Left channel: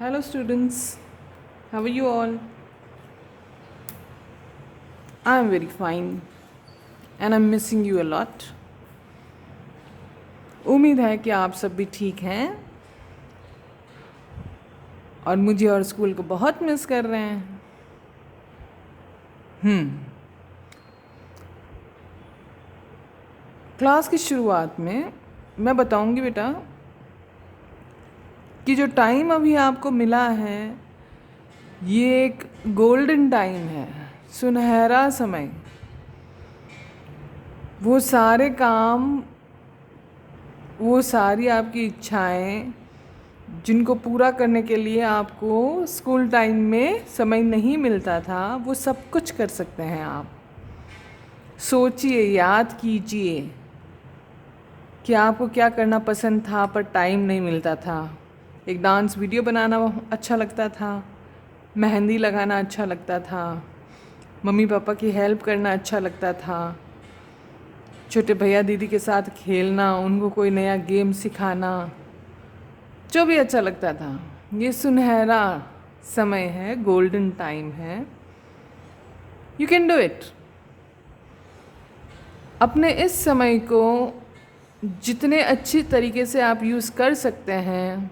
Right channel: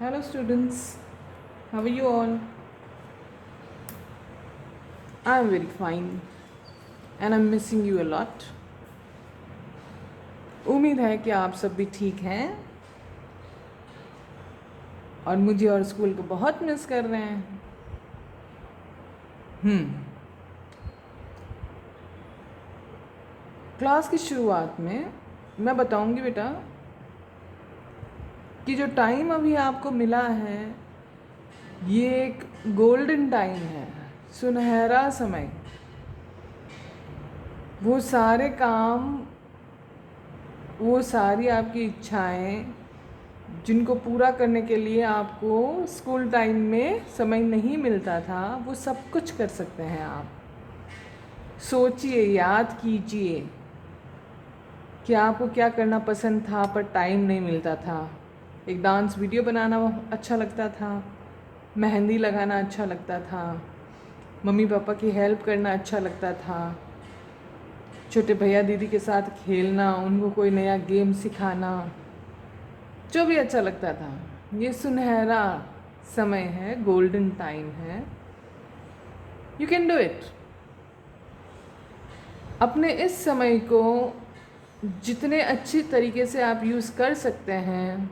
Hello students, how are you all? I'm very fine and I'm missing you a lot. उम्मीद है कि आप सब भी ठीक हैं और मुझे और स्कूल को बहुत मिस कर रहे हैं। क्लास की शुरुआत में मैं बताऊंगी बेटा कि जो टाइम अभी आपको मिला है ये एक गोल्डन टाइम है, सुनहरा समय। वो सारे काम, वो सारी आपकी इच्छाएं जिनको पूरा करने के लिए आपको स्कूल टाइम में समय नहीं मिलता था, वो सब कुछ कर सकते हैं आप। सोचिए, याद कीजिए कि आपको क्या करना पसंद था पर टाइम नहीं मिलता था। एक डांस वीडियो बनाना अच्छा लगता था, मेहंदी लगाना अच्छा लगता था, मम्मी पापा की हेल्प करना अच्छा लगता था, छोटे भैया दीदी के साथ खेलना, उनको कोई नया गेम सिखाना, जो भी अच्छा लगता था। ये सुनहरा समय है, गोल्डन टाइम है। You can do it. अपने इस समय को जितने अच्छी तरीके से आप यूज़ कर सकते हैं,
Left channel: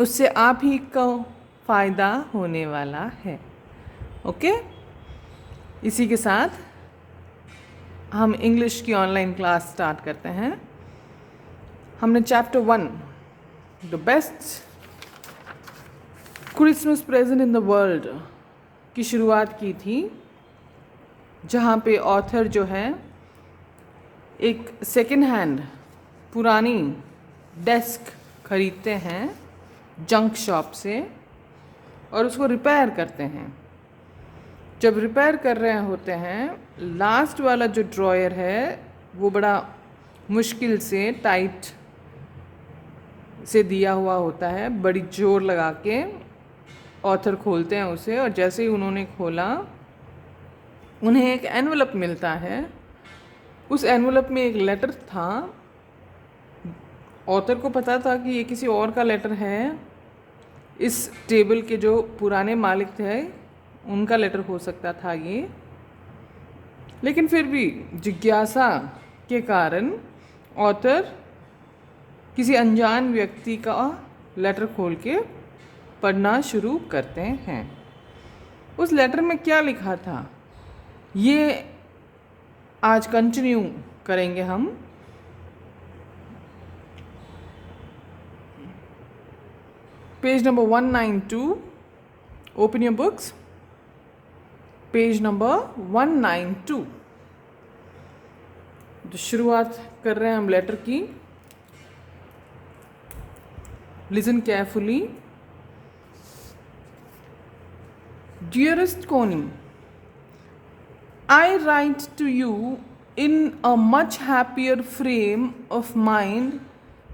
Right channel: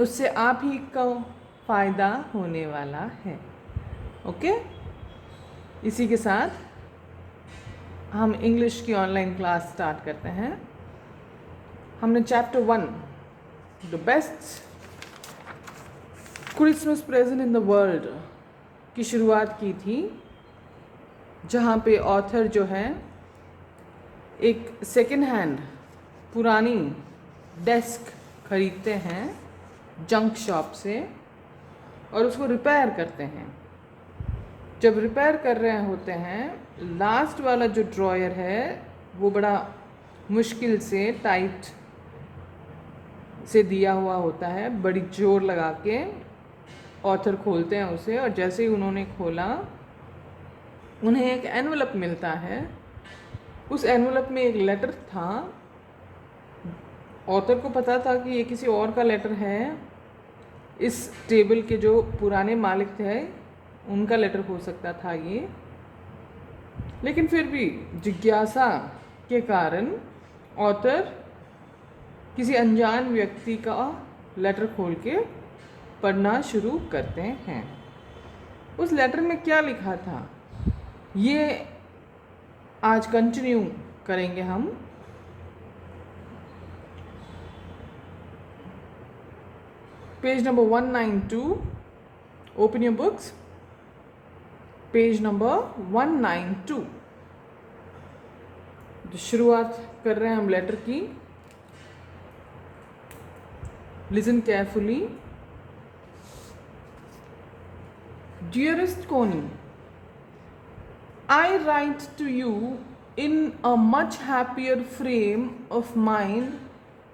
उससे आप ही को फ़ायदा होने वाला है। ओके, इसी के साथ हम इंग्लिश की ऑनलाइन क्लास स्टार्ट करते हैं। हमने chapter 1 the best Christmas present in the world की शुरुआत की थी, जहाँ पे ऑथर जो है एक सेकेंड हैंड पुरानी डेस्क खरीदते हैं जंक शॉप से और उसको रिपेयर करते हैं। जब रिपेयर कर रहे होते हैं, लास्ट वाला जो ड्रॉयर है वो बड़ा मुश्किल से टाइट से दिया हुआ होता है, बड़ी जोर लगा के ऑथर खोलते हैं उसे, और जैसे ही उन्होंने खोला उन्हें एक एनवलप मिलता है। उस एनवलप में एक लेटर था। ऑथर को पता था कि ये किसी और का लेटर है, इस टेबल के जो पुराने मालिक थे उनका लेटर हो सकता था ये, लेकिन फिर भी जिज्ञासा के कारण ऑथर किसी अनजान व्यक्ति का लेटर खोल के पढ़ना शुरू करते हैं। उस लेटर में क्या लिखा था ये आज कंटिन्यू करेंगे हम। Page number 192, open your books, page number 192। तो शुरुआत कर रहे हैं हम लेटर की। Listen carefully. डियरेस्ट कोनी, I write to you in a much happier frame of mind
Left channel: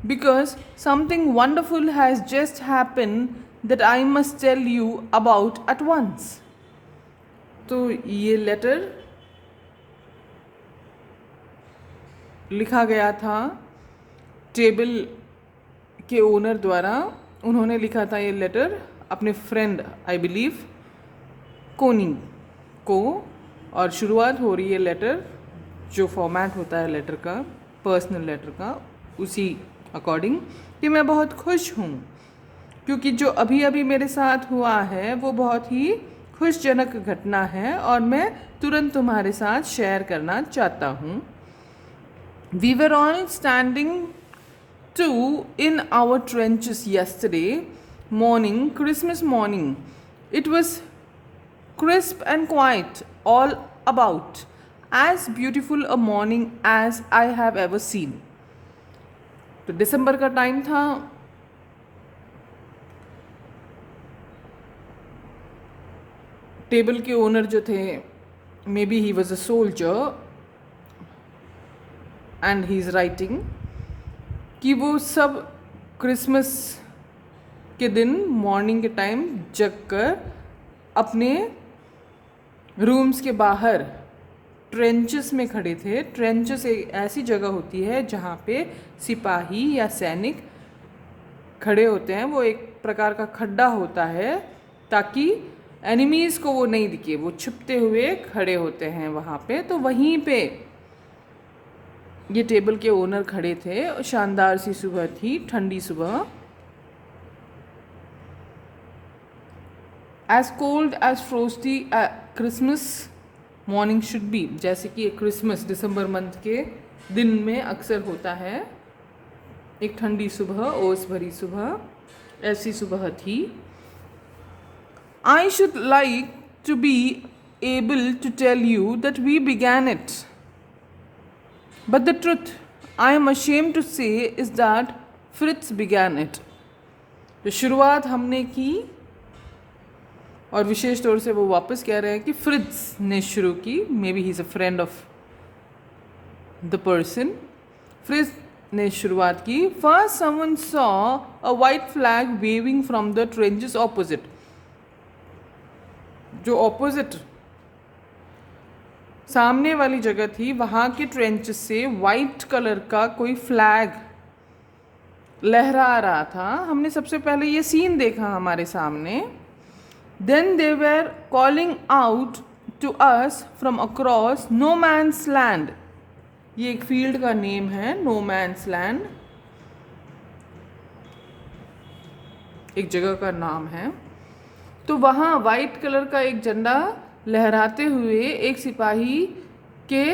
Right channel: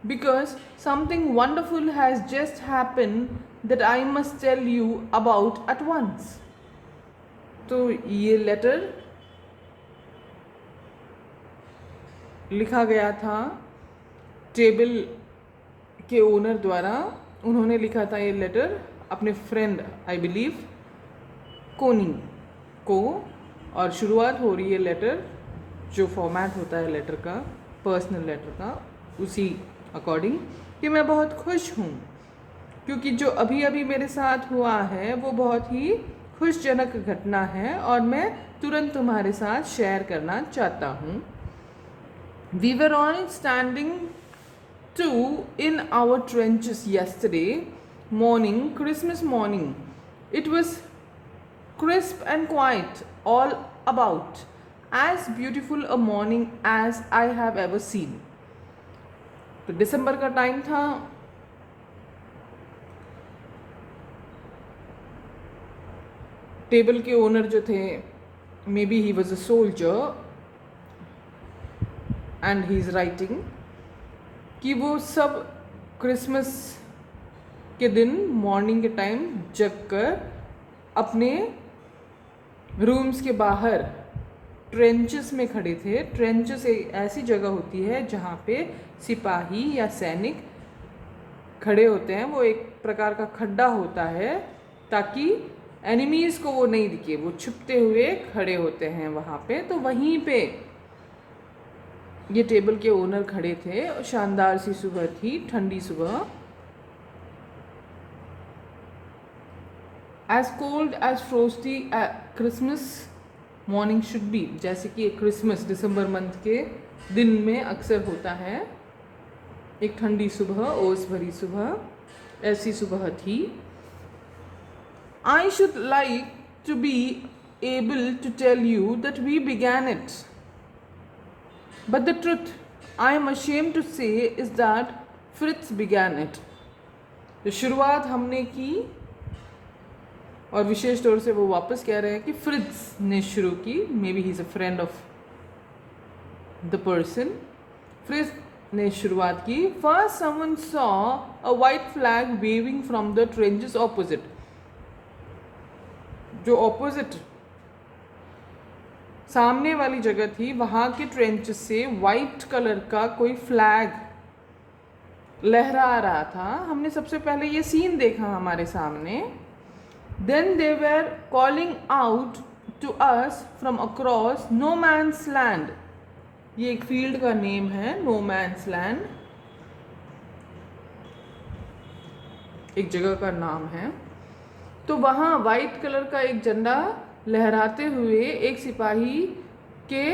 because something wonderful has just happened that I must tell you about at once. तो ये लेटर लिखा गया था टेबल के owner द्वारा। उन्होंने लिखा था ये लेटर अपने फ्रेंड, आई बिलीव कोनी को, और शुरुआत हो रही है लेटर, जो फॉर्मेट होता है लेटर का, पर्सनल लेटर का, उसी अकॉर्डिंग कि मैं बहुत खुश हूँ क्योंकि जो अभी अभी मेरे साथ हुआ है वो बहुत ही खुशजनक घटना है और मैं तुरंत तुम्हारे साथ शेयर करना चाहता हूँ। We were all standing in our trenches yesterday morning, Christmas morning. It was crisp and quiet all about, as beautiful a morning as I have ever seen. तो दिसंबर का टाइम था। टेबल के ओनर जो थे, मे be he was a soldier, and he is writing कि वो सब Christmas के दिन मॉर्निंग के टाइम जग कर अपने रूम्स के बाहर ट्रेंचेस में खड़े थे। ट्रेंचेस एक ऐसी जगह होती है जहाँ पे सिपाही या सैनिक खड़े होते हैं, वो एक प्रकार का खड्डा होता है ताकि एनिमीज़ को वो नहीं दिखे, वो छुपते हुए खड़े होते हैं वहाँ पे। तो वहीं पे ये टेबल के ओनर खड़े थे और शानदार सी सुबह थी, ठंडी सुबह। As cold as frosty Christmas morning should be, जैसे कि क्रिसमस दिसंबर मंथ के दिन में अक्सर होता है, एक ठंडी सुबह, ओस भरी सुबह, ऐसी सुबह थी। I should like to be able to tell you that we began it. But the truth I am ashamed to say is that Fritz began it. तो शुरुआत हमने की, और विशेष तौर से वो वापस कह रहे हैं कि फ्रिट्ज ने शुरू की। May be he is a friend of the person. Fritz ने शुरुआत की। First someone saw a white flag waving from the trenches opposite. जो ऑपोजिट सामने वाली जगह थी, वहाँ के ट्रेंचेस से वाइट कलर का कोई फ्लैग लहरा रहा था। हमने सबसे पहले ये सीन देखा हमारे सामने। Then they were calling out to us from across no man's land. ये एक फील्ड का नेम है, नो मैन्स लैंड एक जगह का नाम है। तो वहाँ वाइट कलर का एक झंडा लहराते हुए एक सिपाही के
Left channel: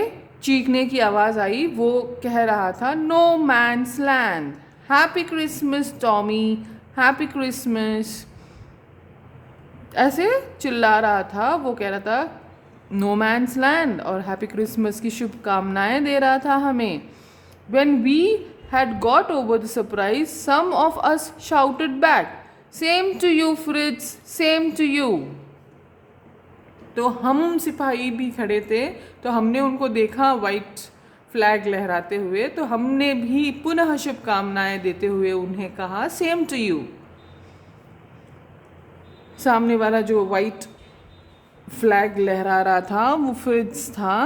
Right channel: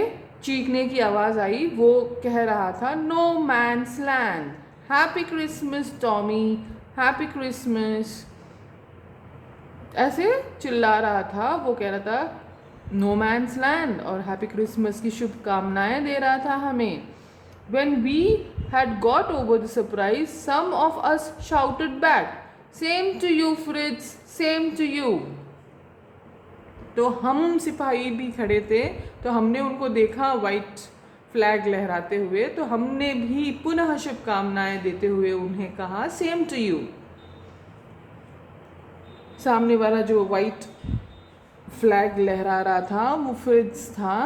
चीखने की आवाज़ आई। वो कह रहा था no man's land, happy Christmas Tommy, happy Christmas, ऐसे चिल्ला रहा था। वो कह रहा था नो मैन्स लैंड और हैप्पी क्रिसमस की शुभकामनाएं दे रहा था हमें। When we had got over the surprise, some of us shouted back, "Same to you, Fritz, same to you." तो हम सिपाही भी खड़े थे, तो हमने उनको देखा वाइट फ्लैग लहराते हुए, तो हमने भी पुनः शुभकामनाएं देते हुए उन्हें कहा सेम टू यू। सामने वाला जो वाइट फ्लैग लहरा रहा था वो फ्रिट्ज था।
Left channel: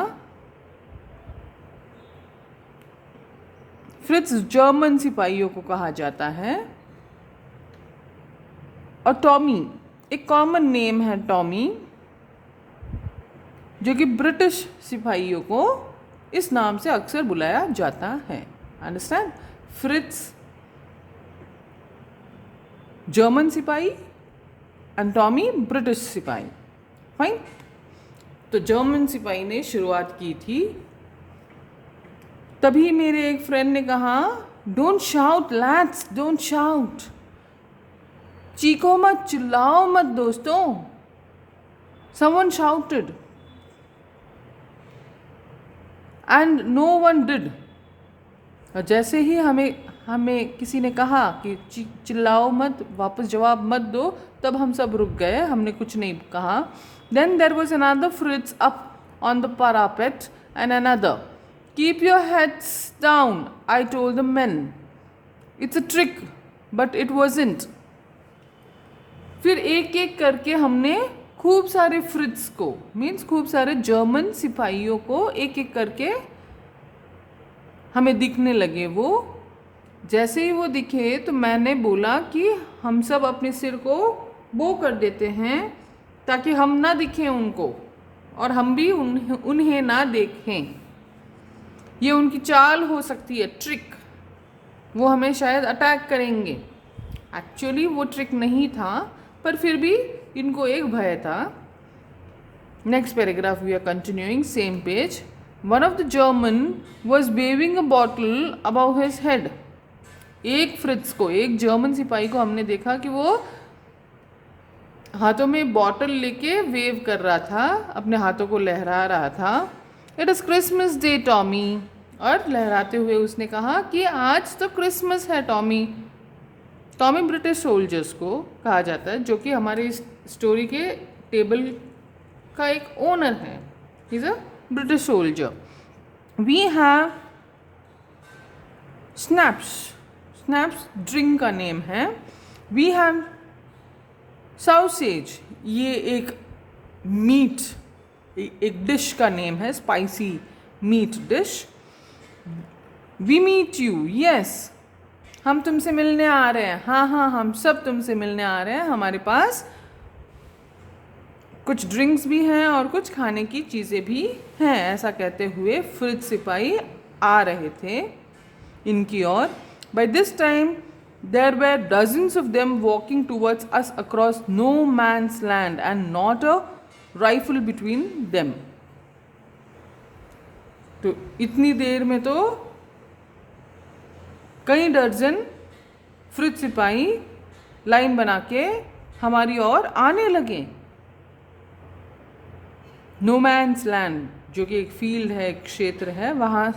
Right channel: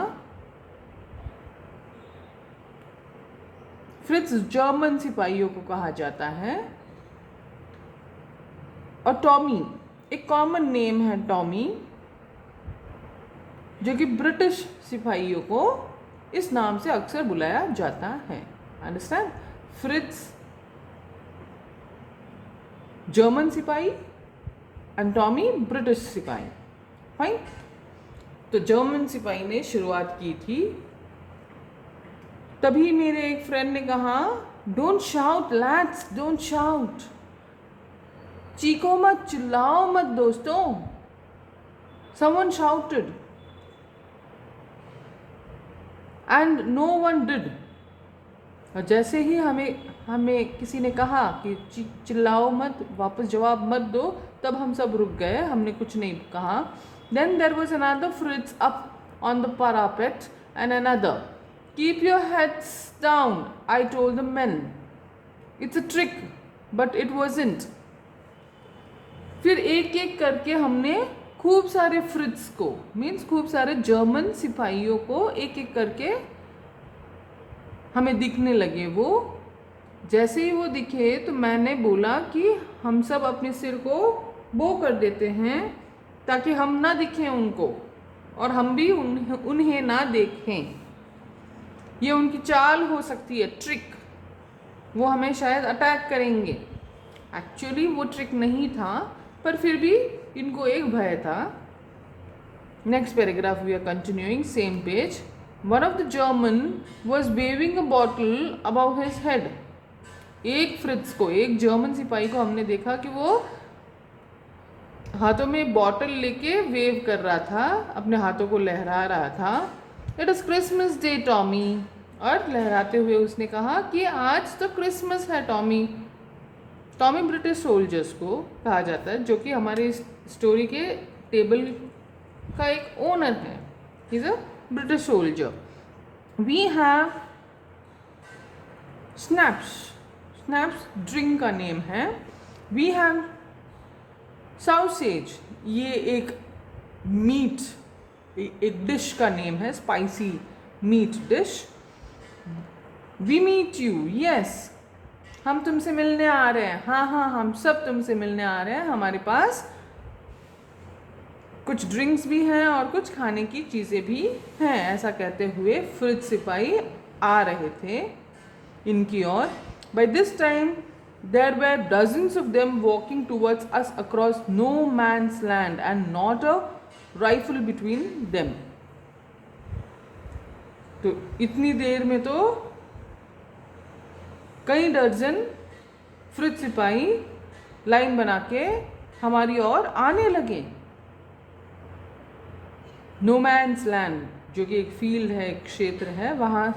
फ्रिट्ज जर्मन सिपाहियों को कहा जाता है। और टॉमी एक कॉमन नेम है, टॉमी, जो कि ब्रिटिश सिपाहियों को इस नाम से अक्सर बुलाया जाता है। अंडरस्टैंड? फ्रिट्ज जर्मन सिपाही एंड टॉमी ब्रिटिश सिपाही। फाइन। तो जर्मन सिपाही ने शुरुआत की थी। तभी मेरे एक फ्रेंड ने कहा don't shout lads, don't shout, चीखो मत, चिल्लाओ मत दोस्तों। Someone shouted and no one did. और जैसे ही हमें किसी ने कहा कि चिल्लाओ मत, वापस जवाब मत दो, तब हम सब रुक गए, हमने कुछ नहीं कहा। Then there was another Fritz up on the parapet and another, keep your heads down, I told the men. It's a trick, but it wasn't. फिर एक एक करके हमने खूब सारे फ्रिट्ज को, मीन्स खूब सारे जर्मन सिपाहियों को एक एक करके हमें दिखने लगे। वो जैसे ही वो दिखे तो मैंने बोला कि हम सब अपने सिर को बो कर देते हैं ताकि हम ना दिखें उनको और हम भी उन्हें ना देखें। ये उनकी चाल हो सकती है, ट्रिक। वो हमें शायद अटैक करेंगे। एक्चुअली वो ट्रिक नहीं था, पर फिर भी इनको एक भय था। Next paragraph we are continuing, same page. One of the German was waving a bottle about his head. एक फ्रिट्ज को, एक जर्मन सिपाही को हमने देखा कि वो हाथों में बॉटल लेके वेव कर रहा था, अपने हाथों को लहरा रहा था। It is Christmas day Tommy, और लहराते हुए उसने कहा कि आज तो क्रिसमस है टॉमी। टॉमी ब्रिटिश सोल्जर्स को कहा जाता है, जो कि हमारे इस स्टोरी के टेबल का एक ओनर है। He is a British soldier. We have schnapps, schnapps drink का नेम है। वी हैव सॉसेज, ये एक मीट, एक डिश का नेम है, spicy meat dish. We meet you, yes, हम तुमसे मिलने आ रहे हैं, हाँ हाँ हम सब तुमसे मिलने आ रहे हैं, हमारे पास कुछ ड्रिंक्स भी हैं और कुछ खाने की चीज़ें भी हैं। ऐसा कहते हुए फ्रिज सिपाही आ रहे थे इनकी ओर। By this time there were dozens of them walking towards us across no man's land and not a rifle between them. तो इतनी देर में तो कई दर्जन फ्रिज सिपाही लाइन बना के हमारी ओर आने लगे। नो मैन्स लैंड जो कि एक फील्ड है, एक क्षेत्र है, वहां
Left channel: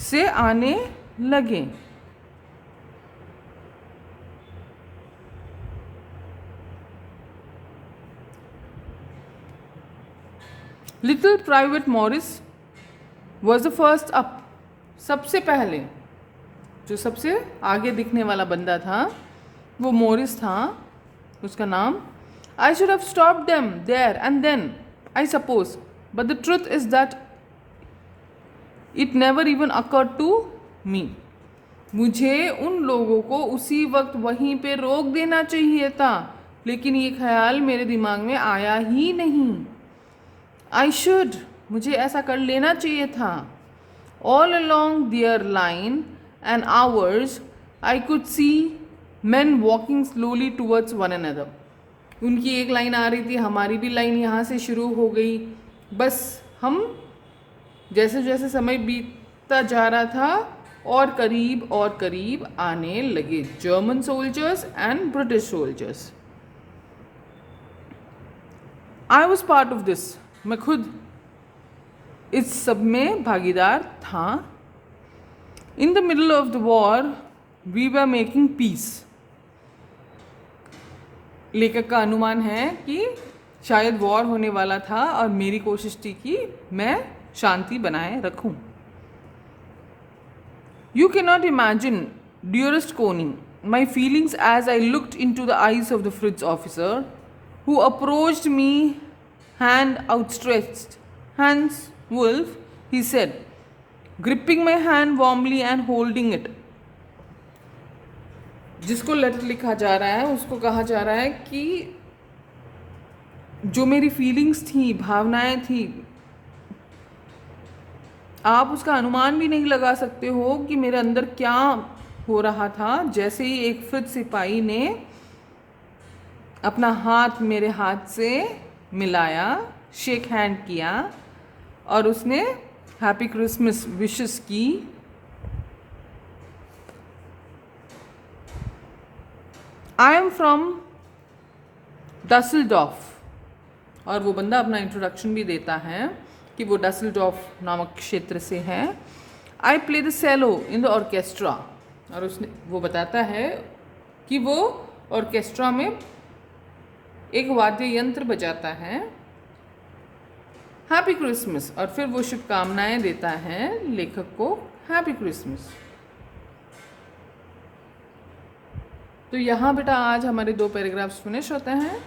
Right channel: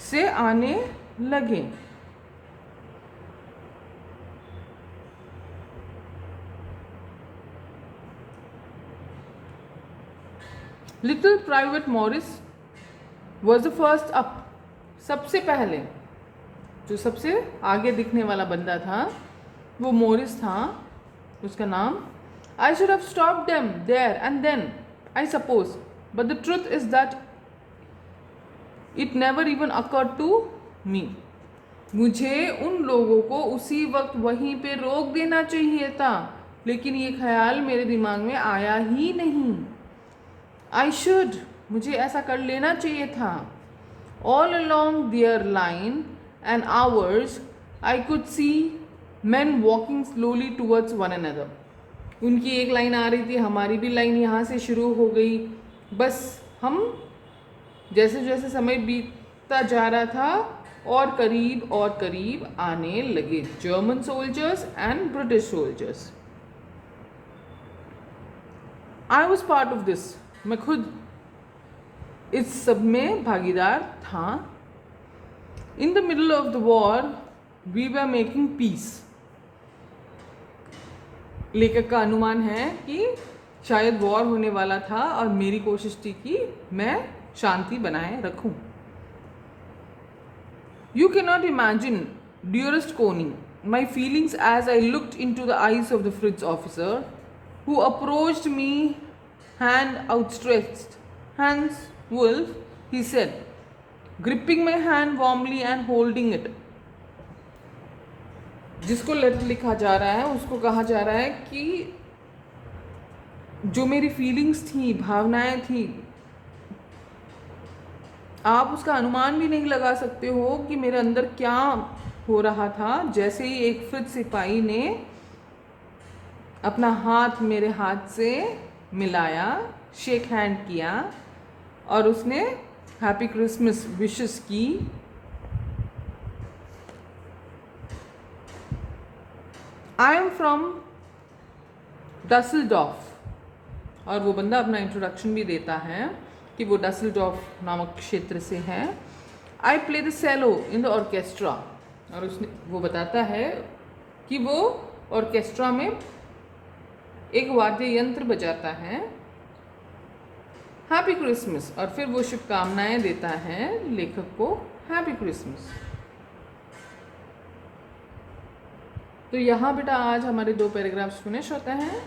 से आने लगे। Little private Morris was the first up. सबसे पहले जो सबसे आगे दिखने वाला बंदा था वो मॉरिस था, उसका नाम। I should have stopped them there and then, I suppose, but the truth is that it never even occurred to me. मुझे उन लोगों को उसी वक्त वहीं पे रोक देना चाहिए था, लेकिन ये ख्याल मेरे दिमाग में आया ही नहीं। I should, मुझे ऐसा कर लेना चाहिए था। All along their line and ours, I could see men walking slowly towards one another. उनकी एक लाइन आ रही थी, हमारी भी लाइन यहाँ से शुरू हो गई। बस हम जैसे जैसे समय बीतता जा रहा था और करीब आने लगे, German soldiers and British soldiers. I was part of this, मैं खुद इस सब में भागीदार था। In the middle of the war we were making peace. लेखक का अनुमान है कि शायद वॉर होने वाला था और मेरी कोशिश थी कि मैं शांति बनाए रखूं। You can not imagine dearest Connie my feelings as I looked in to the eyes of the Fritz officer who approached me hand outstretched. Hans Wolf, he said, gripping my hand warmly and holding it. जिसको letter लिखा जा रहा है उसको कहा जा रहा है कि जो मेरी फीलिंग्स थी, भावनाएं थी, आप उसका अनुमान भी नहीं लगा सकते हो कि मेरे अंदर क्या हो रहा था। जैसे ही एक फ्रिज सिपाही ने अपना हाथ मेरे हाथ से मिलाया, शेक हैंड किया और उसने हैप्पी क्रिसमस विशेस की। I am from Dusseldorf. और वो बंदा अपना इंट्रोडक्शन भी देता है कि वो डसेल्डॉर्फ नामक क्षेत्र से है। I play the cello in the orchestra. और उसने वो बताता है कि वो ऑर्केस्ट्रा में एक वाद्य यंत्र बजाता है। हैप्पी क्रिसमस, और फिर वो शुभकामनाएं देता है लेखक को, हैप्पी क्रिसमस। तो यहाँ बेटा आज हमारे 2 पैराग्राफ्स फिनिश होते हैं।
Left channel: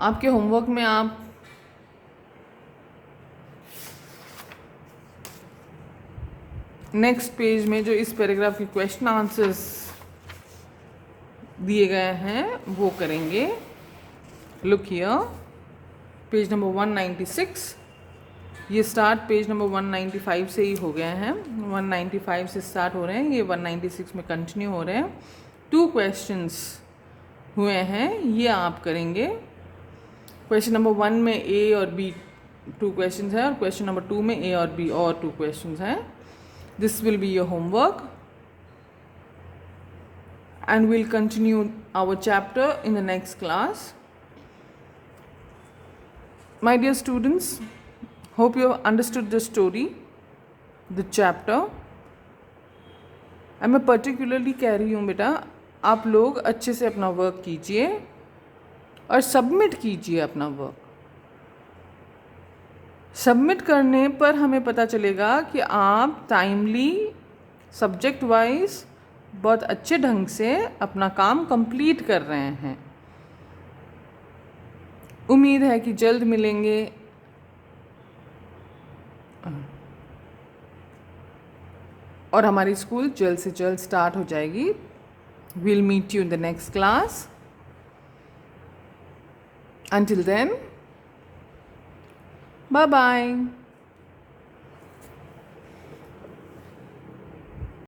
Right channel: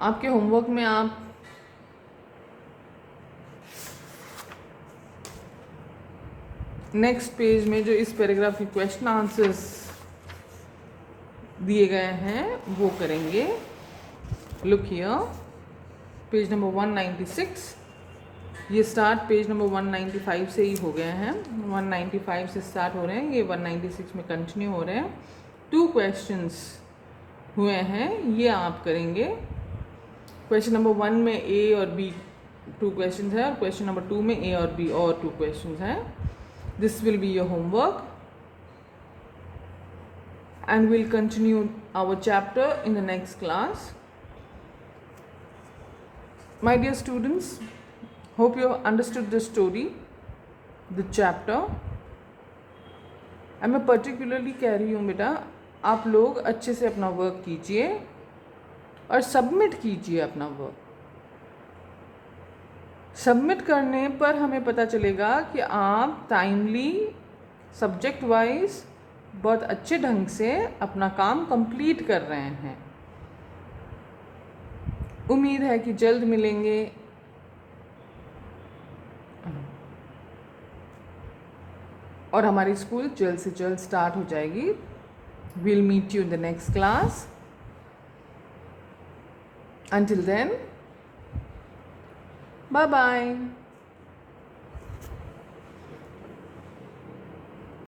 आपके होमवर्क में आप नेक्स्ट पेज में जो इस पैराग्राफ के क्वेश्चन आंसर्स दिए गए हैं वो करेंगे। Look here, page number 196। ये स्टार्ट पेज नंबर 195 से ही हो गए हैं। 195 से स्टार्ट हो रहे हैं, ये 196 में कंटिन्यू हो रहे हैं। 2 क्वेश्चंस हुए हैं, ये आप करेंगे। क्वेश्चन नंबर 1 में ए और बी 2 क्वेश्चंस हैं और क्वेश्चन नंबर 2 में ए और बी और 2 क्वेश्चंस हैं। This will be your homework and we'll continue our chapter in the next class. My dear students, hope you have understood the story, the chapter. मैं particularly कह रही हूँ बेटा, आप लोग अच्छे से अपना वर्क कीजिए और सबमिट कीजिए अपना वर्क। सबमिट करने पर हमें पता चलेगा कि आप टाइमली, सब्जेक्ट वाइज बहुत अच्छे ढंग से अपना काम कंप्लीट कर रहे हैं। उम्मीद है कि जल्द मिलेंगे। और हमारी स्कूल जल्द से जल्द स्टार्ट हो जाएगी. We'll meet you in the next class. Until then, bye bye.